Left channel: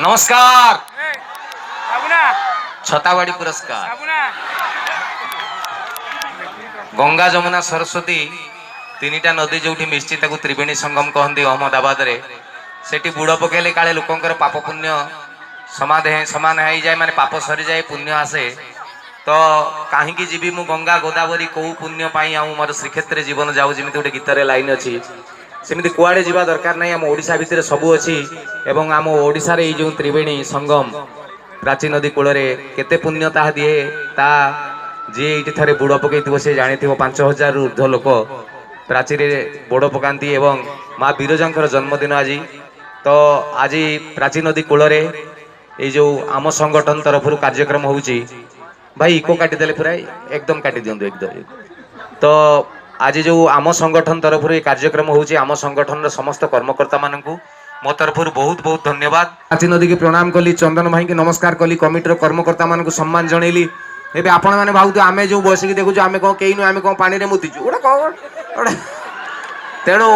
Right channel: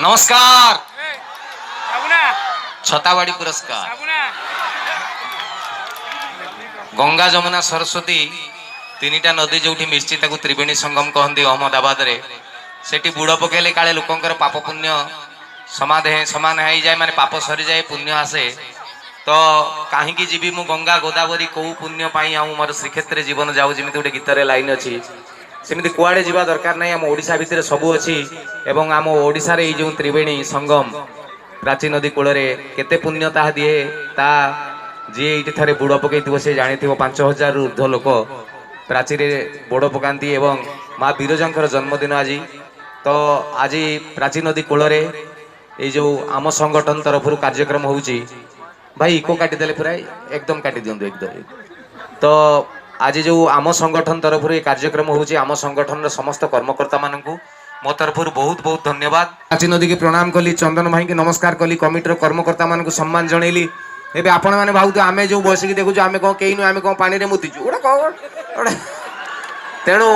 नमस्कार छताबाड़ी पुरस्कार गंगा जमुना सरस्वती तीनिटा नदी जो मिश्ची त्रिवेणी संगम कहती अहमदाबाद रे सेठी बुड़ पकेले काले लोकंकर पाप पुण्य समान हो जाए माने पाप सरी जाए पुण्य आसे तो कहीं जीवी मु गंगा गोदावरी कौ पुण्य पाई मोर श्रीक्षेत्र जीवन जाऊ जमी गोटे गीत लाइन अच्छी सेमती कुआड़े जावा दरकार नहीं आम ओडिशा भितर सबू अच्छी एवं आम ओडिशा रे जो त्रिवेणी संगम प्राची नदी कूल केते पुण्य ता दिए ता जी ये थे बुड़ पकई से जानी 5000 रु ऊर्ध्व लोक प्राची बोड़ पकाती एवं माँ बिरजांकर जन्मदिन आज तो आज प्राची नदी कूल जो आम संगठन तरफ कार्यक्रम होउची भाई इको काटिदेले पूरा एकदम काटी दिंतु एकदम तो आज जो आम संगठन तरफ कार्यक्रम होउची आम संगठन समस्त कर्मकर्ता मानू मो तरफ बहुत बहुत धन्यवाद। प्राची नदी की प्रणाम कली चंदन भाई की नमस्कार कली कमिटर कर्मकर्ता मान सम्मान जनइली एबे आपण माने भावतु आमे जो बसिक देखु आमे कौन कई नु आमे कौन पानी रे मुतिचु गोटे कौन तेणु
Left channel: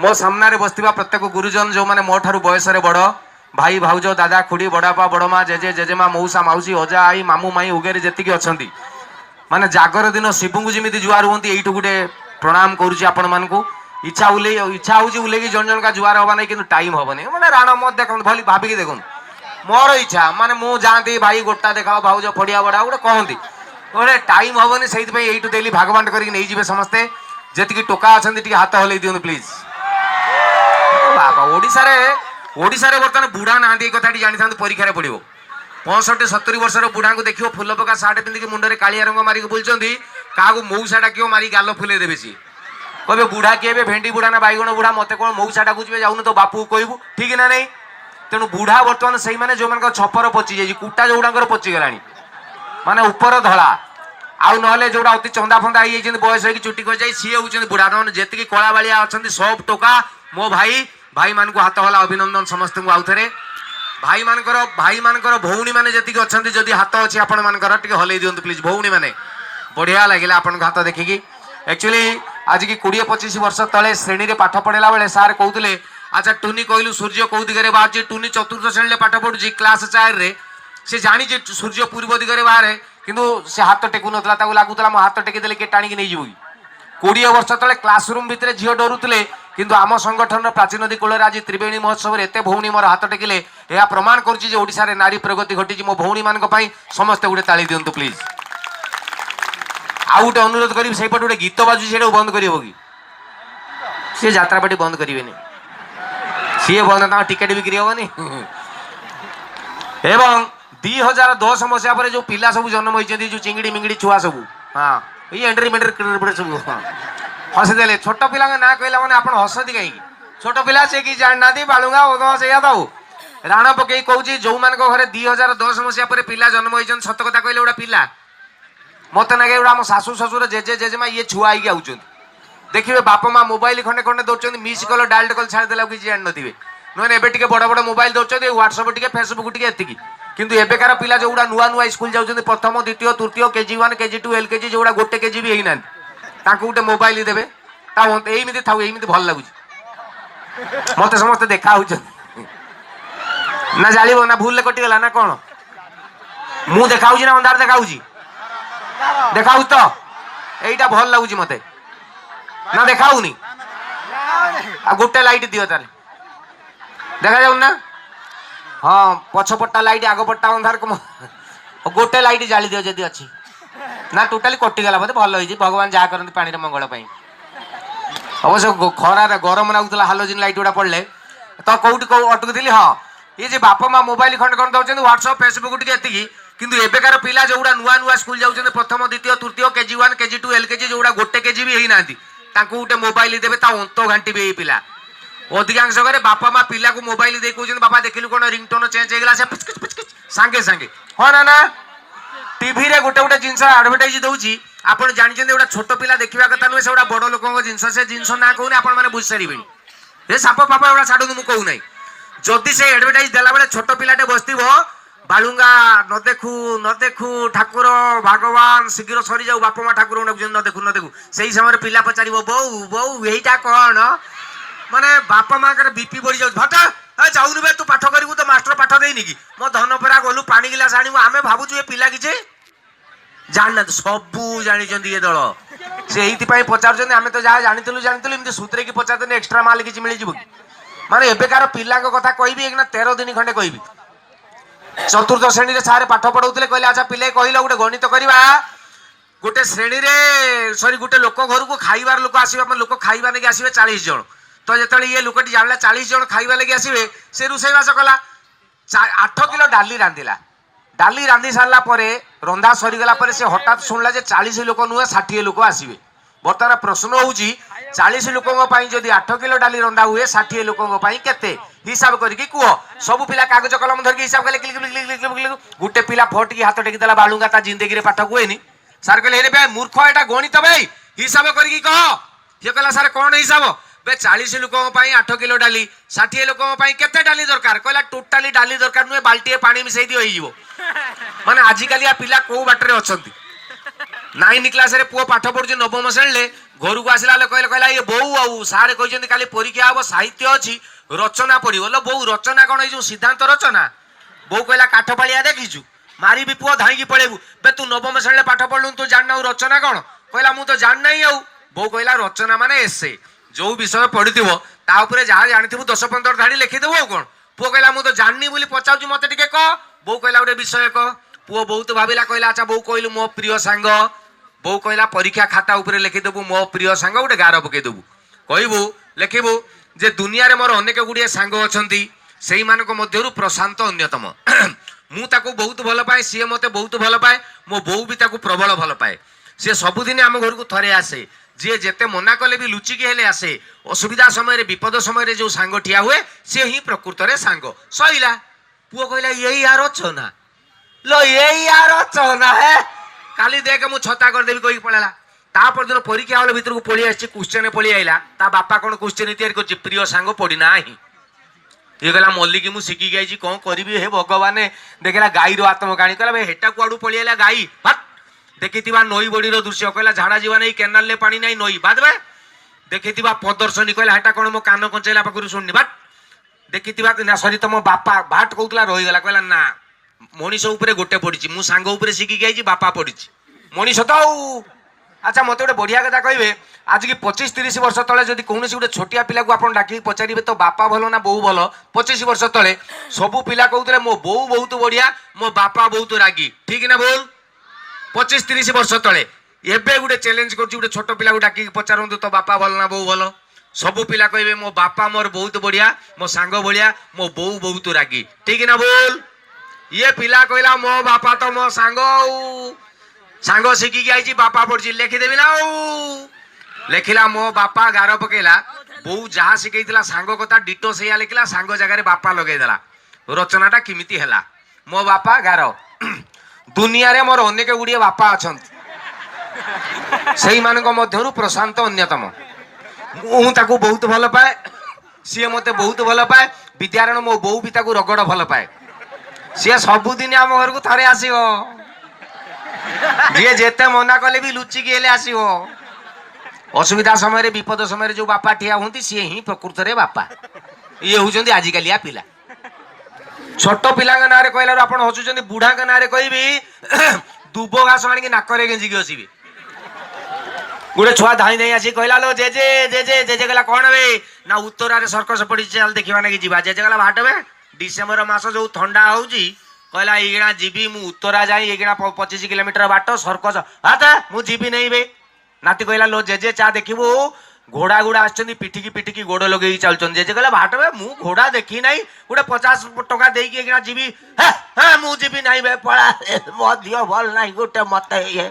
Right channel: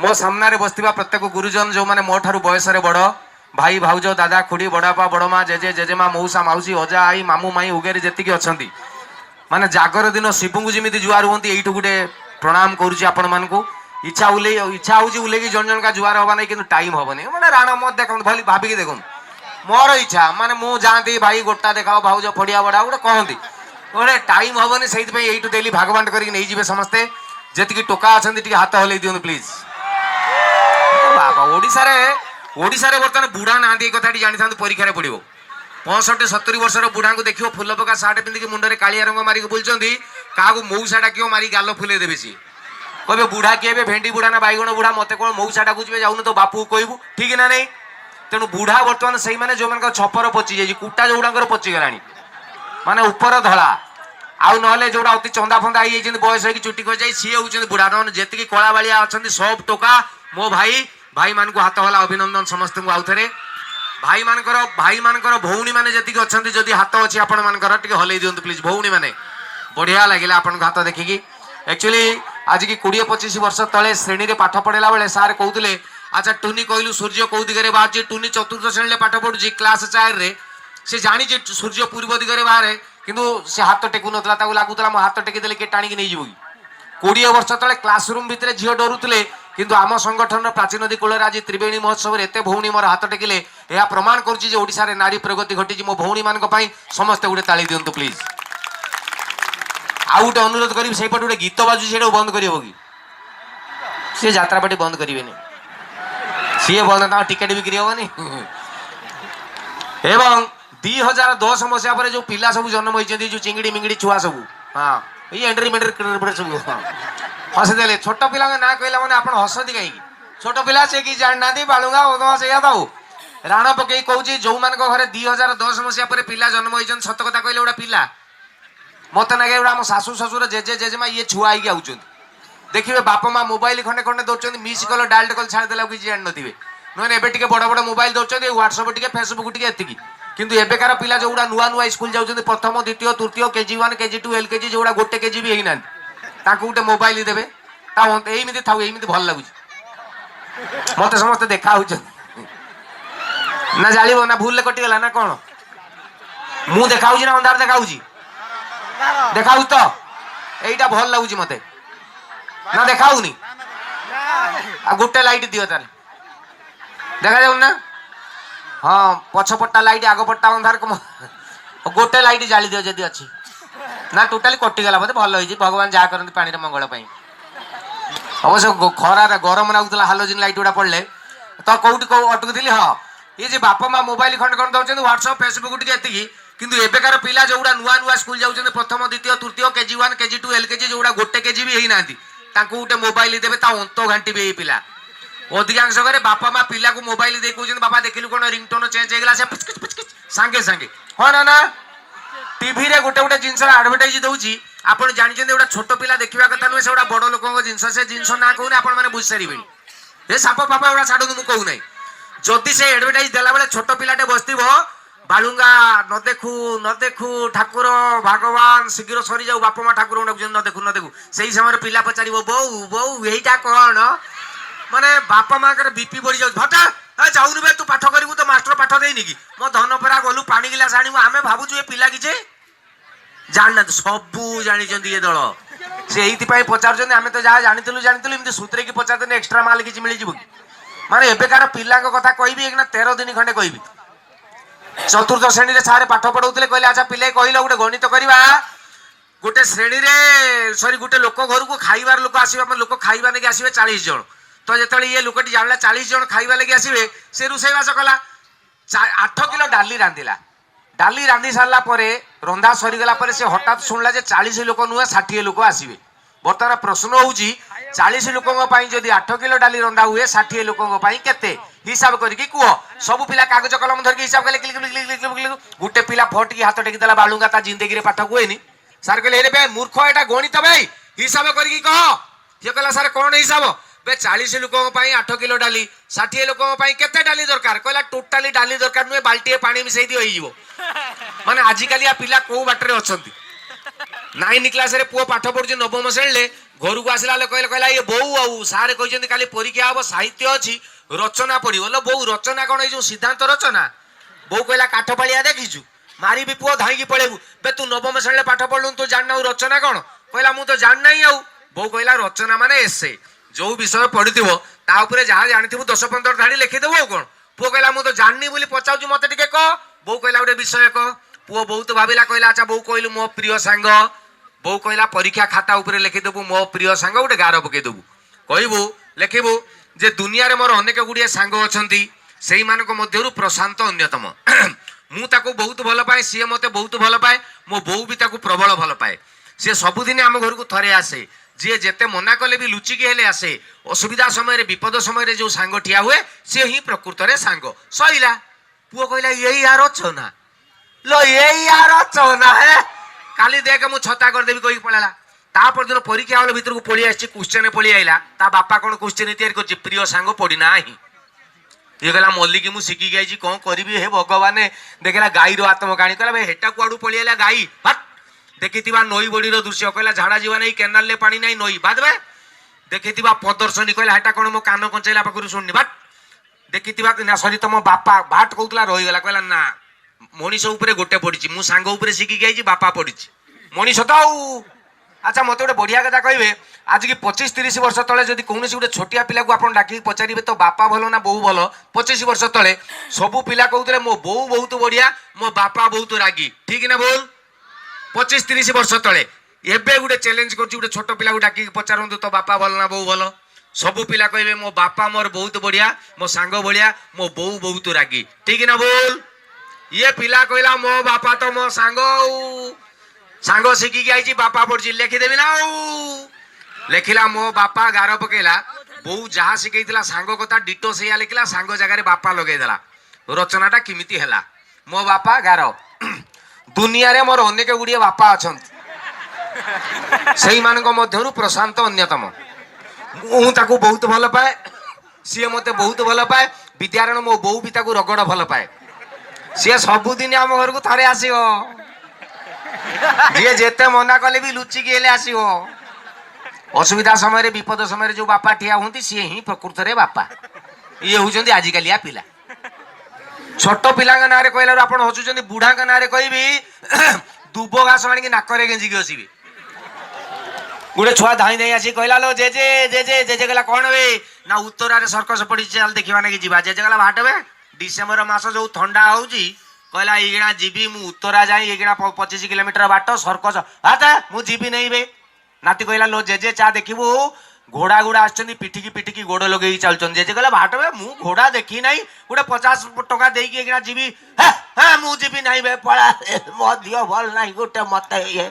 मो सामने बसथिबा प्रत्येक गुरुजन जो माने मो ठारू बयस रे बड़ भाई भाउज दादा खुड़ी बड़ापा बड़मा जेजे जेजेमा मौसा माउसी अजा आई मामू माई उगेरे जेतिकी अछंती माने जागर दिन शिवंगु जिमिति जुआर हुंती एइठु गुटे प्रणाम करूची आपण मानकु इच्छा होउची उलेगी जन जन का जुआर हबा नै किंतु टाइम हबनी माने राणा मत देखन भली भाबी के देखन मोर इच्छा माने मु जानती भाई गोटा देखाओ भाउज फड़िया बड़ा गोटे कहती गोटे टाइम हबनी सेइथ पई एइठु डेली भागवांट करी नै जिवे समस्ते जेतिकी टोका अछंती टिके हाथ हलै दियन प्लीज ओडिशा रे बर्तमान बुढ़ा ना कथाटी जानी था परीक्षा पड़ो 65-70 वर्ष बुढ़ा को देखियो फुल पका सार्ट पिंधिकी मुंडे कालिया रंग मारिक बुलचंदी क्या मऊसा डाक मारी गाल फुले देवे सी कहे बुढ़ा किए भेंडी बुढ़ा ना बैगण बुढ़ा मत कौन मऊसा डाकुचे जाऊन तो बापू कहबू ठीक ना नहीं तेणु बुढ़ा बर्तमान से मैंने जो मान छपर पचि जाइए कुटा जो गुड़ा पचिगला माने ऊपर धला आउ ना जो अति चंदा फंदा हो बयस हो चुटी कर जाए सी हूँ बुढ़ा जी कला बालिया अच्छा सब टोका मो भाई भाई मान को हाथ हला अभिनंदन समस्त आउ थे भाई मानकर भौणी मैंने जी अच्छा जदि हाथ अच्छी आपण मानकर हल्ई दिंतु प्लीज भौणी मैंने बढ़िया लगे आपन हाथ देखिकी एक्चुअली आज की 20-25 वर्ष तले श्रेणी रे पाठ पढ़ेला बेले सार कहते अच्छा टुनी कहलु सूर्य कौ दिगरे बाहर टुनी चतुर्थ श्रेणी पाठ पढ़ुची क्लास 4 रे से जानी सूर्य पूर्व दिगरे बाहर किंतु से हाथ टेकु नथला लगुला मो हाथ टेकी देले के टाणी नहीं जीवो 20 वर्ष तले क्लासरूम भितर झील डरुले किंतु आम संगठन प्राची नदी कूल आज त्रिवेणी महोत्सव एत भौणी मोर हाथ टेकिले यह प्रमाण करुच्ची नारी प्रगति घटी मो भौणी मान समस्ते गोटे ताली दिंतु प्लीज आउ गोटे अनुरोध करी से गोटे गीत बाजू से बंद कर सी यात्रापाटी बंद करेंगे सी बंद टिकेट बिक्री हेनी एवं 2010 मसीहा पर जो पिला सब जन्म होती जो चिंगड़ी मिंगड़ी छुआ सब हाँ ये एंट्री मेंट्री सब हसीदे छोट पिला ना कहला मैंने आप हसती कहीं छोट पिला से कि जानना बालुगा ओदो से राण पकई कौच जो मान घरे 2010 मसीहा पर पिला जन्म होती सत कथा कहले गोटा पिला मत ना आम शाशु शशुर जेजे जेजेमा ये छुआ आई आउट देखिए बाप माँ मोबाइल खंडे खंडे दौरान मिस कल डायल कल छाड़देला किसी जान थे नुआ एवं बड़ बड़ मोबाइल दौरान व्हाट्सअप टे फेसबुक टे एति किंतु एबेकार पिला जो नुआ नुआ स्कूल जाऊँ प्रथम द्वितीय तृतीय KG 1 KG 2 LKG जो गोटे KG भी होना गोटे मोबाइल देवे एमती था एमती भल लगुच मत समस्त देखा ना जान ना भूल कटिगला ना कौन मु देखा ना अंधार देखा देखा तो यहीटा भल लगुच मत ना देखाऊनी गोटे लाइट दियो ताले देखा जाऊ ना हाँ पछपट्टा लाइट आगपट्टा अंधार गोटे लाइट जाली दियो जदि अच्छी ना टोटाली कटिगला बोधे भल होई भगवान जहाँ करते पानी मंगल अवश्य खरा गरम लगुला हालोजिन लाइट गुड़ा पड़े तो कौटी कौ अटकुली हाँ ये बापा माँ मोबाइल खंड खंड दौरान व्हाट्सअप फेसबुक टी किंतु एबेकार पिला जो नुआ नुआ स्कूल जाऊँ प्रथम द्वितीय तृतीय KG 1 KG 2 LKG जो गोटे KG भी होना गोटे मोबाइल देवे अंत घाटी भी पिला अधिकांश घरे बापा माँ पिला को मोबाइल दे कहते बापा देखिलु कौन रिंगटोन चेंज होगा से पुचकिच पुचकिच सांगे सांगे हाँ ना ना टीवी रे गोटे गोटे जिनस आडभटाइज दूसरी आपड़ जानते गोटे छोट पिला देखा कथा नुहे से गोटा बड़ लोक जिनस से जिनस ना कहूनी आपने बुझी सारे ये साप फाप गुड़ा छाड़ू मुझे कहूना जदि से एडभटाइज देला बेले छोट पिलाटे बसव बालुंगा न देखू ठाकुर भगवान शीघ्र सरी जाऊ बापा माँ ठाकुर न देखू न देखू से समय पिला पचार बो बो यहीटा कौन ମାନେ ବାପା ମାଙ୍କର ବିପି ବଢି ଯାଉଛି ଭଟା ଯାଉନୁ ବେ ତୁ ପାଠ କରିବୁ ତ ମାଷ୍ଟର ପାଠ ଦେଇନି କି ମୋ ଧନ ପରା ଗଲୁ ପାଣି ଗିଲାସ ଆଣିବୁ ଆମେ ଭାବୁଛୁ ଏ ପିଲା କିଛି ଜାଣିନାହାନ୍ତି ସବୁ ଜାଣିଛନ୍ତି ଏ ଦଳ ସେ ଏଇଥିପାଇଁ ପଚାରୁଛନ୍ତି ଆମେ ତ ଯାହା ଜାଣିଥିଲୁ ଏମିତି ସୂତ୍ରେକି ପଚାରୁଛନ୍ତି ଏକ୍ସଟ୍ରା ମାଲ କିଛି ମିଳିଯିବ କି ମାନେ ଏବେକାର ପିଲାଙ୍କ କଥା କହିବି ଏଇନା 13 ଦିନ ଖଣ୍ଡେ କହିବି ଚତୁର୍ଥ ଶ୍ରେଣୀରେ ସାର୍ ପାଠ ପଢଉଥିଲେ କହିଲେ ଆଚ୍ଛା ପିଲେ କହିଲ ଗୋଟେ ଗଣିତ କରିବା गोटे श्रेणी रे सॉरी गोटे लोक घर को खाइबार लोक आसवे लोक खाइबा लगे आसवे 40 जन तो जो ये लोकटी जानला 40 जन खाइबा लगे आसवे से रोषेईवास कला 8 किलो डाली रांधिला डाली रांधि सारा रंधा सरीगला से हठात शुणला 40 लोक नुहे 60 लोक आसवे बर्तमान प्रश्न होउची 40 लोकों जदि 8 किलो डाली रंधा हुए 60 लोकों केते हिसाब करके कह सब पिला कागज कलम धरिक हिसाब कले गोटे पिला फट की हाथ टेकी देला बालुंगा ता जिंदगी रे पाठ हुएनी सार कहले रे मूर्ख एटा गणित भाई हिसाब करके कह ये कहला सार कौन हिसाब बे 40 लोकों 8 किलो डाली 60 लोकों केते डाली दरकार कहला टोटाली डाली दरकार नुहे बाल्टी पानी मिसई दियो होइजिवो माने आजिकाली आ पिला को बाटरे अछंती 9 क्लास रे पुओ पाठ पढुची नवम श्रेणी घर को आसला कहला ये बोऊ आउ सारे कहते काली परीक्षा हम साहित्य अच्छी रचना पढ़ो लो बोऊ रचना कौन जो सिद्धांत रचना बोऊ कहला काठ पालिया देखीचु मारी भी पुओ धाई पड़ेबू बे तू नवम श्रेणी पाठ पढ़लु तू जानना रचना कौन कहला मु तो जानना ही आउ बोऊ कहला रचना माने एसे जो विषय पढ़िथिबो ता ऊपर जहाँ जानिथिबु 10-15 धाड़ी लिखिदेबु आ कौन पुओ कहला मु तो जाननी बोली पचाउछु मते टिके कह बोऊ कहला गोटे विषय कह पुओ बहुत भाविला कहला अच्छा बोऊ कहलु मो प्रिय सांग बोऊ कहला परीक्षा खाता ऊपर लिखिदेबु मो प्रिय सांग गोटे गार पकेदेबु कहबू लिखिबु जे दुनिया रे मोर अनेक गुड़िए सांग अछंती सेही मानक मध्यरु प्रशांत अन्यतम मु ताको बहुत भल पाए सी मते बहुत भल पाए मो बोऊ भी ताको प्रबल भल पाए सी सबुदिन आम घर को थरे आसे जी जेते मना कले भी लुचिकी हेले आसे असुविधा समय विपद समय जो सांग ठिया हुए सी ही प्रकृत रे सांग सईला पुओ कहला यही यार अछना लो यही यार अछना है काली देख मु छता कर देबी कहि पळाला ता परदिन परीक्षा हॉल भीतर को पळी आछि क्वेश्चन पळी आइला ता बापा कोन क्वेश्चन तैयार करछि प्रिय सांग पड़ी नाही ये कहला मल्लिक मु शिखी गई कौन करी हे भगवान देखला गाई रो आत्मकाणी कहला हेटा कुआडू पळी आइला गाई हट देखिथिबा नई बड़ी रो दृश्य कहला झाड़ा जीवा नहीं केनाल ले पानी नहीं नई बाद बे देखिथिबा प्रदर्शनी कहला हेटा कोन मो कान कंचेला पाखरु सुननी बाट देखिथिबा ना सरी तम बापा बाट कहतला रही गला कहला ना मनीष उपरे गोटे पड़ी मु सांग उपरे शिखी गई बापा पड़ी मनीष तो अच्छा मत गोटे बढ़िया कथा कहे आज की 25-30 वर्ष तले जब कौन गोटे छोटिया पिला को आप डाक पचारे तो बापा भल ना बोऊ भल 25 वर्ष तले सबू पिला कहते मो बोऊ बहुत बढ़िया मो बापा बहुत रागी ठीक ना बोल 25-30 वर्ष तले एबे गोटे चैलेंज कर छोट पिला को डाक पचारतु तो बापा भल ना बोऊ भल सबू पिला कहे मो बापा मोर बहुत बढ़िया मो सांग बढ़िया मो बोऊ बहुत रागी ठीक ना बोल ये पिला कहला मो बापा तो मो सांग शिखिकी आई बापा पढ़ी लिखिदेवी ना लिखिला मो बापा गार पकेला बोऊ जहाँ शिखा सांग कथा डिटो से लिखला सांग जगह बापा लगेदेला रचनाटा किमिति हैला मो बापा गार दुनिया रे मोर अनेक गुड़िए बापा अच्छा मध्यरु प्रशांत अन्यतम मु ताकू बहुत भल पाए सी मते बहुत भल पाए विद्यारण मो बोऊ भी ताकू रगड़ भल पाए सी सबुदिन आम घर को थरे आसीओ जी जेते मना कले भी लुचिकी हेले आसीओ असुविधा समय विपद समय जो बापा ठिया होती सी ही प्रकृत रे बापा ये होउचंदी आजिकालिया पिला छोट पिला ना कहला आप हसुचंदी बुढ़ा ना कहबी दुब घास आनिक नाकरे गेंजिकी हसबी गोटे छुआ धाई धाई आसी कहला लो जेजे जेजे जेजे कहला कौन बे ना उत्तरारे सर्कस पड़ी चल देखा ना कि जीवा जेजे कहला भाटबे डिसेम्बर मास जो ठंडा होउची कहला एगणा जीवी मु उत्तरा जाई एगणा 25 किलोमीटर बाट सर्कस हाता मु जीवी नहीं बे नाती कहला लो जेजे चा देखिबू घोड़ा गुड़ा आछनी पिटिकी पिटिकी गोड़ लगे चलछन जेजे कहला भाटबे मु घोड़ा देखी नाही गोटे 50 टका देकी एगणा जीवी हां मु जीवी नहीं बे पळा मो दियो भल नाही गोटे मते ये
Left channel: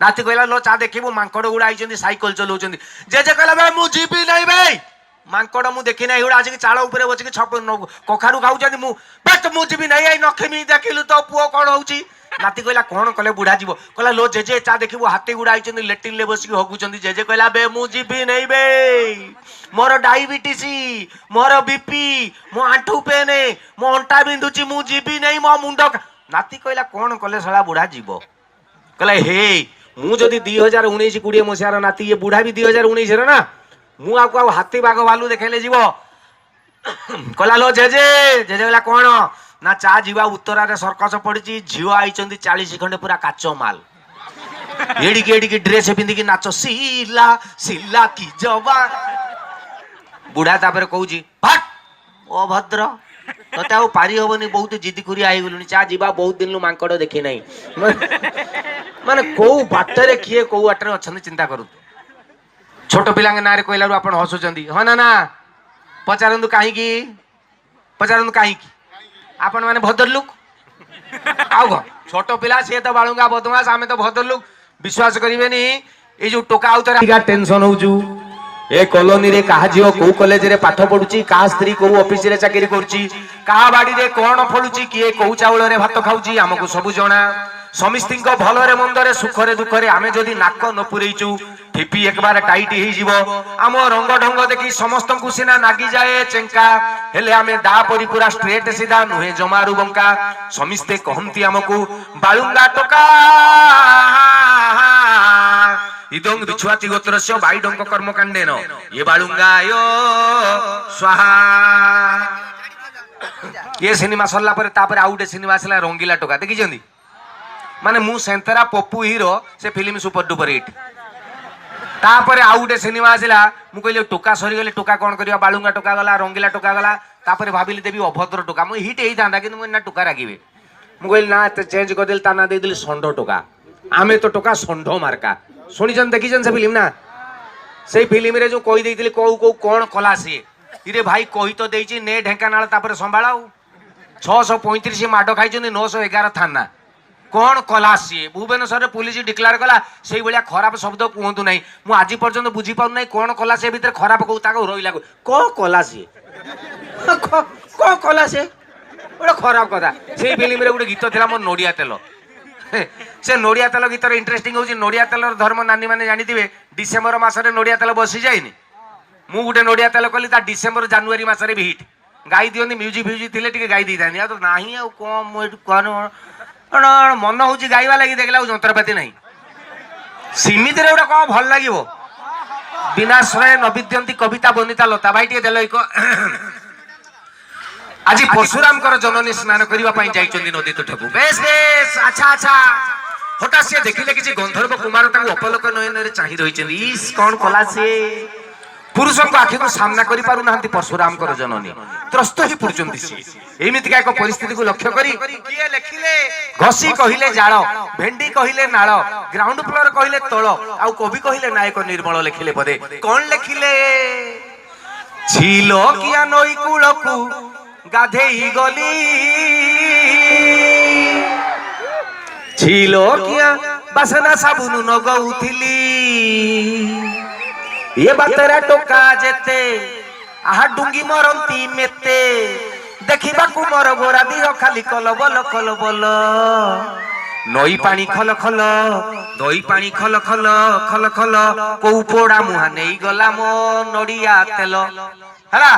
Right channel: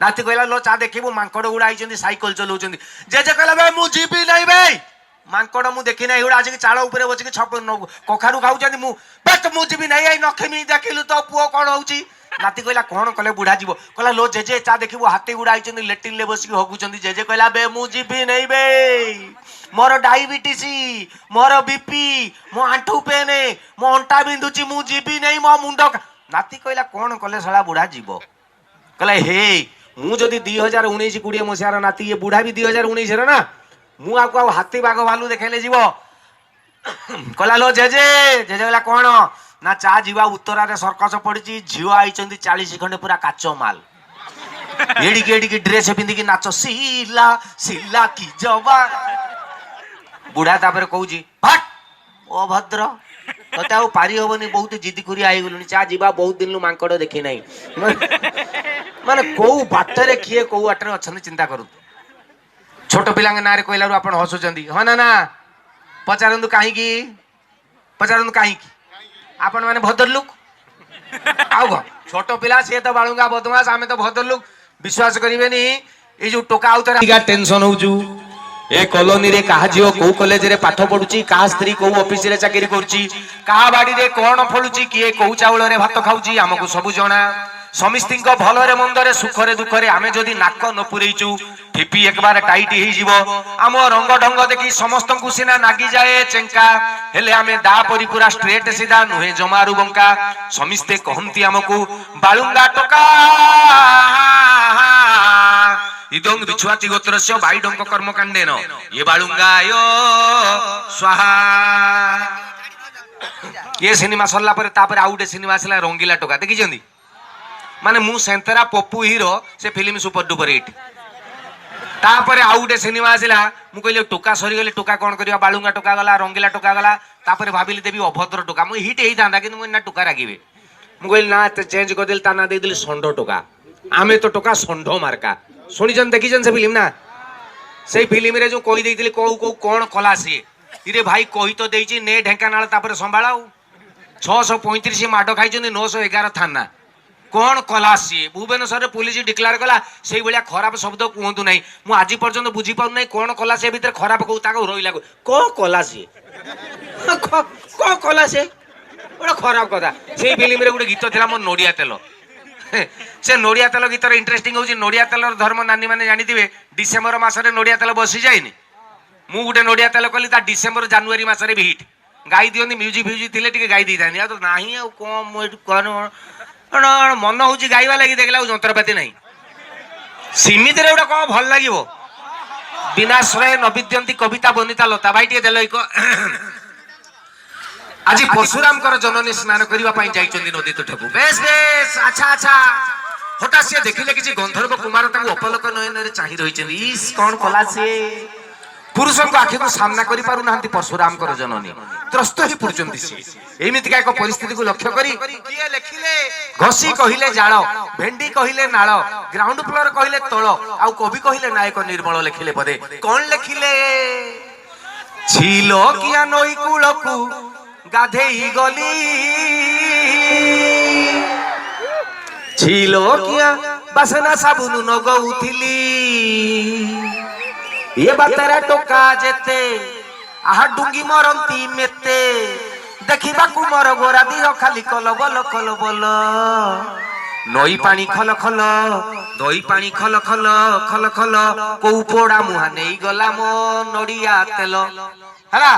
नाती कहला लो चा देखिबू मांकड़ गुड़ा आइछन साइकिल चलाउछन जेजे कहला बे मु जीवी नहीं बे मांकड़ मु देखी ना आज चाल उपर बसिक कखारू खाऊँ मु बेस्ट मु जीवी नहीं नखेमी देखिलु तो पुओ कौन हो नाती कहला कौन कले बुढ़ा जीव कहला लो जेजे चा देखिबू हाथी गुड़ा आई लेट्रिन ले बसिक हगुचंदी जेजे कहला बे मु जीवी नहीं बे मोर डायबिटीज मोर बीपी मो आंठू पेन मो अंटा बिंधुची मु जीवी नहीं मो मुंड नाती कहला कौन कले साला बुढ़ा जीव कहला हे मु जदि 2019-20 मसीहार नाती ये बुढ़ा भी 2019 ना ମୁଁ ଆଉ ହାତୀ ବାଘ ଭାଲୁ ଦେଖେଇଲେ ଯିବ କହିଲା लो जेजे जेजे बोला कौन ना चा जीवा उत्तरारे सर्कस पड़ी झील आई 40 खंडे पूरा काचो माल एडिकी ड्रेस पिंधिकी नाच सिला सिला की जवान बुढ़ा तापर कहूँ भट अभद्र तते आ पारि हबनी बहुत जिद कुरिया आई गलुनी चा जीवा बहुत दिन मांकड़ देखी नहीं माने कौ बाटरे किए कौ बाटरे अच्छा चिंता करू छोट पिला ना कहला आप हसुंट हाँ ना पचारतु कहीं आपण मैंने भद्र लुक आउ छोट पिला सी तो बालुंगा बदमाश आम तो भद्र लुक विश्वास करेनि ये जो टोका आउे टेंशन होजु ए कॉलोनी रे कहा झील कौ कॉलेज रे पाठ पढ़ुची कहा स्त्री कौ ऑफिस रे चाकरी करुची कहा बाड़ी रे कौन फलुची किए कौ चाउल रे भात खाऊची आमको सब जना समिस्ती भलरे मंदरे सुखरे दुखरे आमे जदि नाक न पुरेचु ठिपी एक बार टाइट हो आम रंग ढंग देखी समस्त को सीना नागी जाए चेंका हेले आमे दा परी पूरा स्ट्रेट सीधा नुहे जमारू बंका समिस्ते कहती आमको बालुंगा टोका इदं बिछुआती गोत्रस्य बाईडंक कर्मकांडेन ये बालुंगा यो स्वाहा ये सिनेमा सरला परे तापर आउटे सिनेमा आसला रंगीला टोका देखी माने मु सेंतरा पप्पू हीरो से फिल्म सुपर डुपर हिट तापर आउ गोटे सिनेमा आसला मु कहली टोका सरी गले टोका कौन करवा बालुंगा टोका गला रंगीला टोका गला तापर भाबिली देवी अभद्र टोका मु हिट हेई थांदा कि ना टोका रागिबे मु कहली ना चेंज कर देल ता ना दे दिल संडो टोका आमे तो टोका संडो मार्का सुनिजन देखिजन से फिल्म ना से फिल्म रे जो कहि देइतिली को कौन कला सी इरे भाई कहि तो देइची ने ढेंकानाल तापर संभाळाऊ 635 माडो खाइचनी 911 थाना कौन कला सी भुवनेश्वर पुलिस डिक्लेयर कला से भाया खराब शब्द कहतु ना मुझे आज पर्यटन बुझी पार ना कौन कला से भितर खराब कहू रही कौन कला सी कौन कला से गोटे खराब कथा से फिल्म रे गोटे गीत था मोर नड़िया तेल से नड़िया तेल गीतर इंटरेस्टिंग हूँ नड़िया तेल धर्म नानी मैंने जानी डिसेम्बर मसरे नड़िया तेल बसी जाए मु गोटे नड़िया तेल कली डिसेम्बर जानुरी मसरे भी हिट गाई दिखती म्यूजिक फ्यूजिक थे गाई दी था तो ना कौन मन हूँ गाइबा लगी देखला जंत्रपाति नहीं सीमित रे कौन भल लगे विनाश्रय नविद्यंती कविता बनिता लता भाई टे देल आज परशुराम जननी स्नान करने जाइए नदी तुठक बेस बेस अच्छा अच्छा हठात सी देखिले कि गंधर्व कुमार अपलक नयन चाह रही कौन कला सी पुरुष को आखि को सामना करि पारु नाहंती परशुराम जननी त्रस्त ही पड़ुचंती सी एमिति का एक परिस्थिति को लक्ष्य करी किए लेखिले घसी कहिले जाळ भेंडी कहिले नाळ ग्राउंड फ्लोर कहिले तळ आ कवि कहिले नायक निर्मल लेखिले पदे कोन लेखिले छिलो किया नई कूलकू गाधेई गली छिलो किया बासना साबुन नगौथिली ये बातरा टोका जेते आहा डुंगी मरंती मेते देखिबा को मोर गोरा दिह खाली कल बल नई पानी खल खल दई पानी खल खल खल खल को पोड़ा मुहा नहीं गला मो नड़िया तेल हला।